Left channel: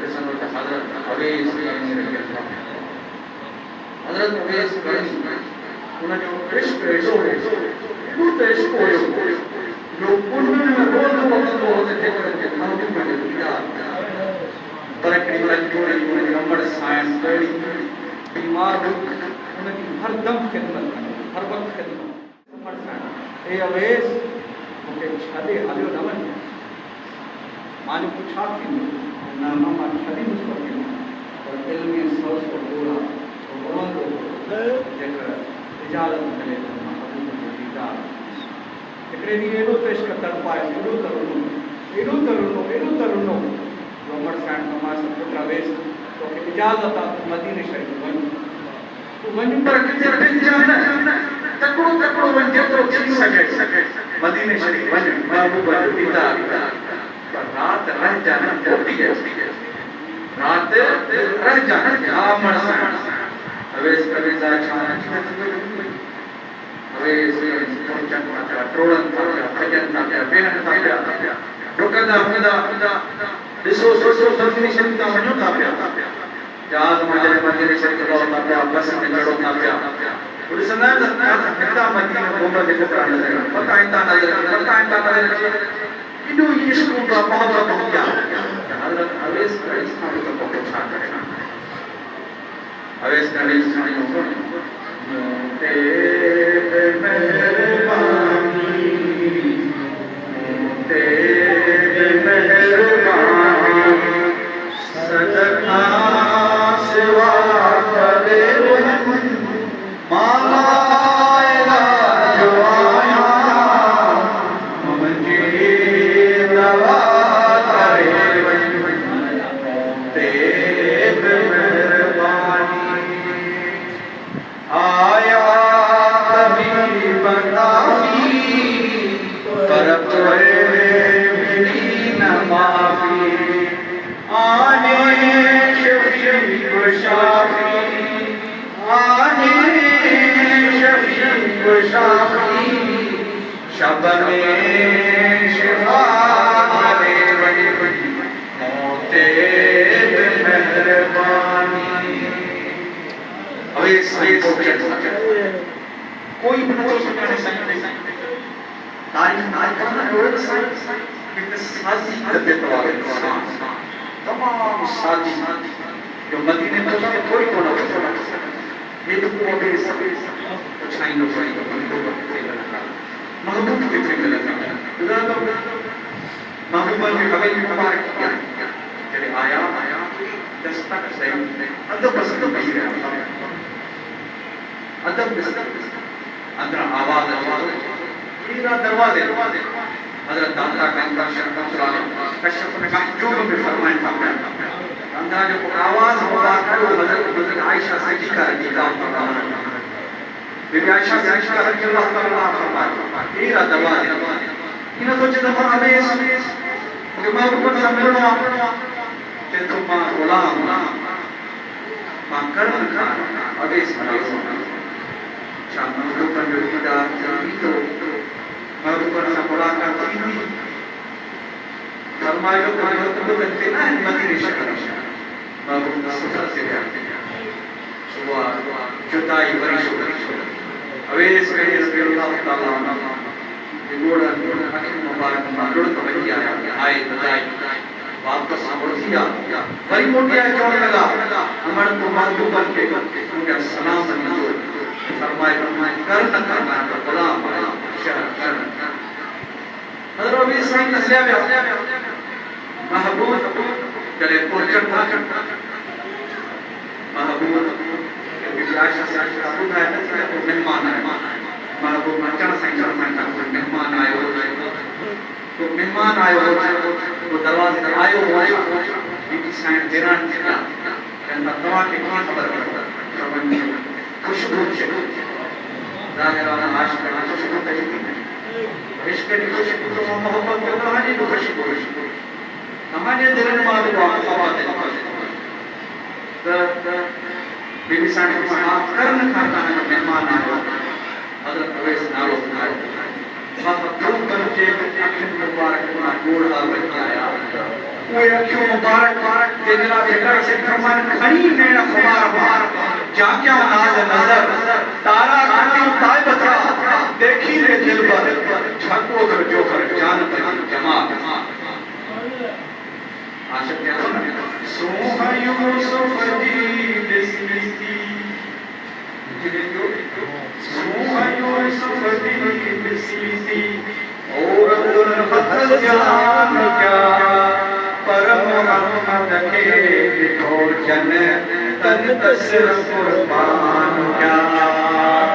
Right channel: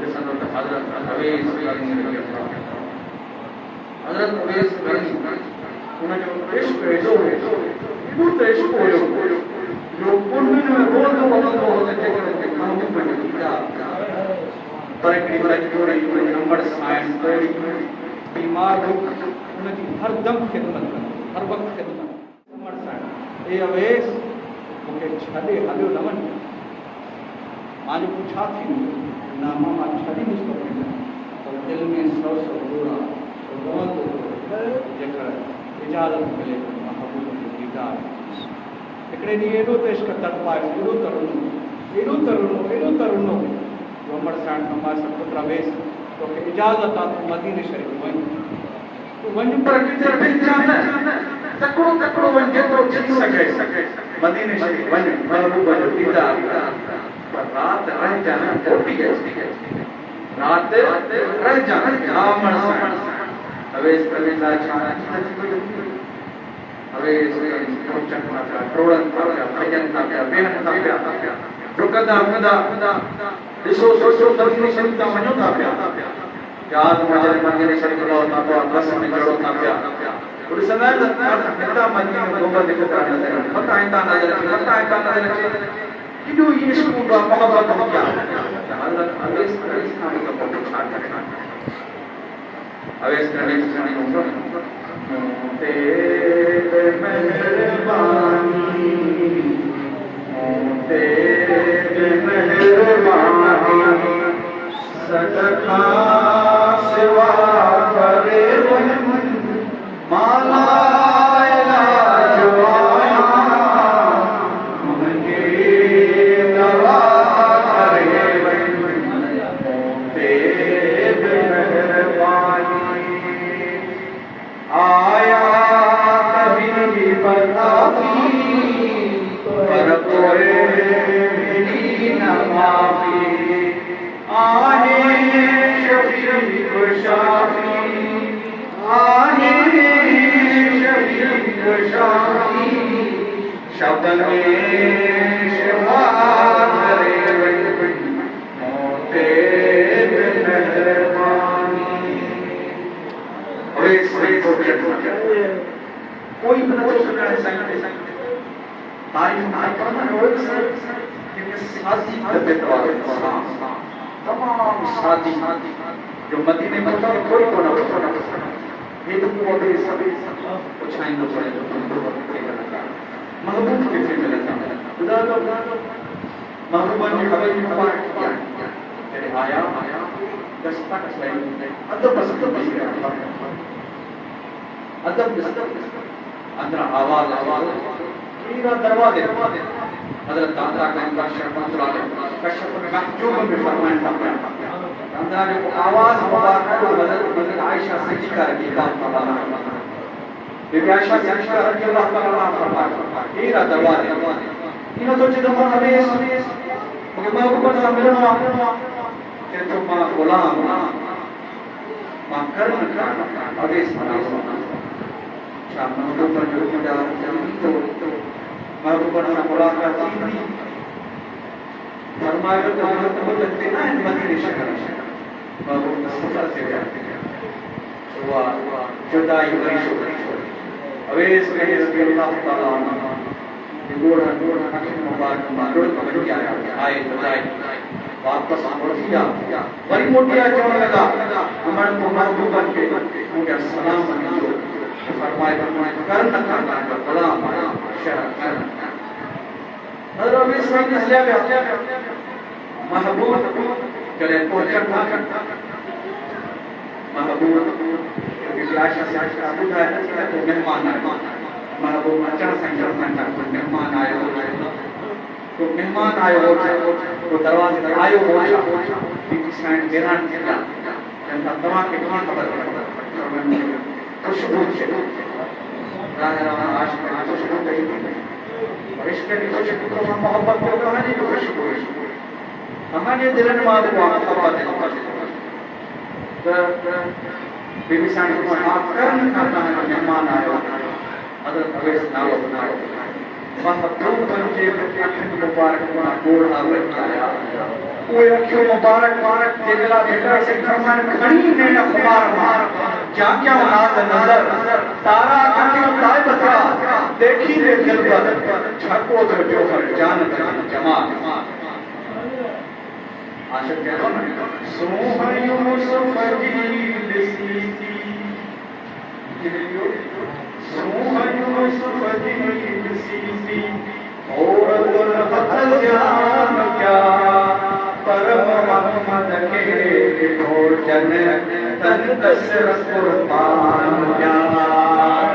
जॾहिं हज़रत अवेस करनी रही हज़रत अवेस करनी उनजो इश्क एॾो हो एॾो त इश्क हुयो जो उन्हनि में रोज़ वक़्तु हो त महबूब जो दीदार पर हिकिड़ी लॻी नंबर साइंस तोड़ी बीमार हो उनजी हर दम ख़िदमत हर वक़्तु ख़िदमत नंबर साइंस ए अवेस मूंखे छॾे हलियो न वञे मां जो पुछां थी ना मां छॾींदुसि कोन्हे पर दिल में सौ घोड़ा रोअंदो जेकर इजाज़त मिले त महबूब जो दीदार हिकिड़े ॾींहुं एॾो त इश्क तड़पायो एॾो त रुनो अमर साईं नमाज़ पुट अवेस तोखे इजाज़त आहे तूं मदीने शरीफ़ वञ तूं वञ पर किथे वञजां न तकिड़ो वञ जेतिरो थी सघे मदीने शरीफ़ वञ महबूब जो दीदार पर राति रहिजां न पोटी राति रहिजां न अमर साईं अवेस अवेस पहुचनि था पिया टोड़नि था पिया भॼनि था पिया वेहनि था पिया डुकंदा ॾिसो मदीने शरीफ़ था वञो था पिया जहाज़ मां जॾहिं मदीने शरीफ़ लहो था पिया बस में चढ़ो था पिया ॾिसंदा आहिनि त हितां मदीने में गुंबद हिकु तरह नज़र पता हितां नज़र एॾो इश्क हूंदो आहे मोहबत हूंदी आहे हज़रत अवेस करनी खां बि पोइ छा करे अवेस करनी हूंदो तेरे मेहरबानी तेरे मेहरबानी सदका सिवा करे माला आया मुझे दवा करे तेरे मेहरबानी आया कभी बताफी पर कोई मिली न माफी आने शफीक शाफी आने शफीक शाफी शब में शिफा करे मोते मेहरबानी अवेस कोई भी न तो सुनाने साईं तारीफ ना करना है और एक साजी तबीयत वाला इंसान तमाम साजी जो मदीने में कोई कोना ये तो पूरे सभी छाई नो महबूब के फिर लगा खुदा तो महबूब ने कभी मुबारक किया तेरे आया दस्तक सही अदब पसंद नहीं रहा अदब अंदर आवाज पूरा दरवाजे हज़रत दाता कांता शर्मा कश्यप ने महजूब में फरमाया था अंदर जो आवाज मुबारक हज़रत आयशा सिद्दीक़ा रज़ी अल्लाह ताला बीबी आयशा सिद्दीक़ा रज़ी अल्लाह ताला फरमाया पूरा दरवाजे इन सोचे तो मां अवेस मुझे महबूब से मिलना ते तो मां गुलाम मां कर्म अवेस बना शाम महबूब जो दीदार तो महबूब से मुलाकात थी फरमाया तो बदलते ना मदीने शहर महबूब सफर से गया सुबह जुदाई बरिश अवेस रज़ी अल्लाह ताला अन्हु गोड़ अखिन मुबारक मांगड़ तो वही आए बधाई वापस मुड़ती वरी मोटी आए चवण लगा अमर को महबूब के मुझे सलाम दीजो फरमाए कर न करना है गुलाम शहर हज़रत अवेस साईं हलिया विया महबूब जॾहिं पहुचनि था महबूब बीबी आयशा सिद्दीक़ा ॿुधाए को महिमान आयो महबूब अचण सां ई चवनि को महिमान आयो वो दरवाज़े ते आयो हो बीबी साईं हैरान थी विया चवनि था तव्हांखे कीअं ख़बर खुशबू ज़ाहिर आहे आशिक़ खुशबू त इश्क की खुशबू तो मोहब्बत में कहानी की खुशबू हमारे दिल में मालूम मोहब्बत है बीबी साईं को हाथ कर्म खाता है मेहमान आयो हज़रत अवेस नालो बाबा दो कंचे अखिन मुबारक गोड़ा वही आया वे अखियों मुबारक जेकरा बेटा से फरमान खड़ी नेण खुमार मार जाक्या नाज नजर तारा अखी ताय बचा देखी रे दिल पर छको तो जो हर जान पर जमा आशिक देखो ना सोहा यूसुफ दी बिस्मिती जियो सोहा यूसुफ दी बिस्मिती और दुल हथल जान क्या पर मोहम्मद के भोजन तन तसर कुर्बान क्या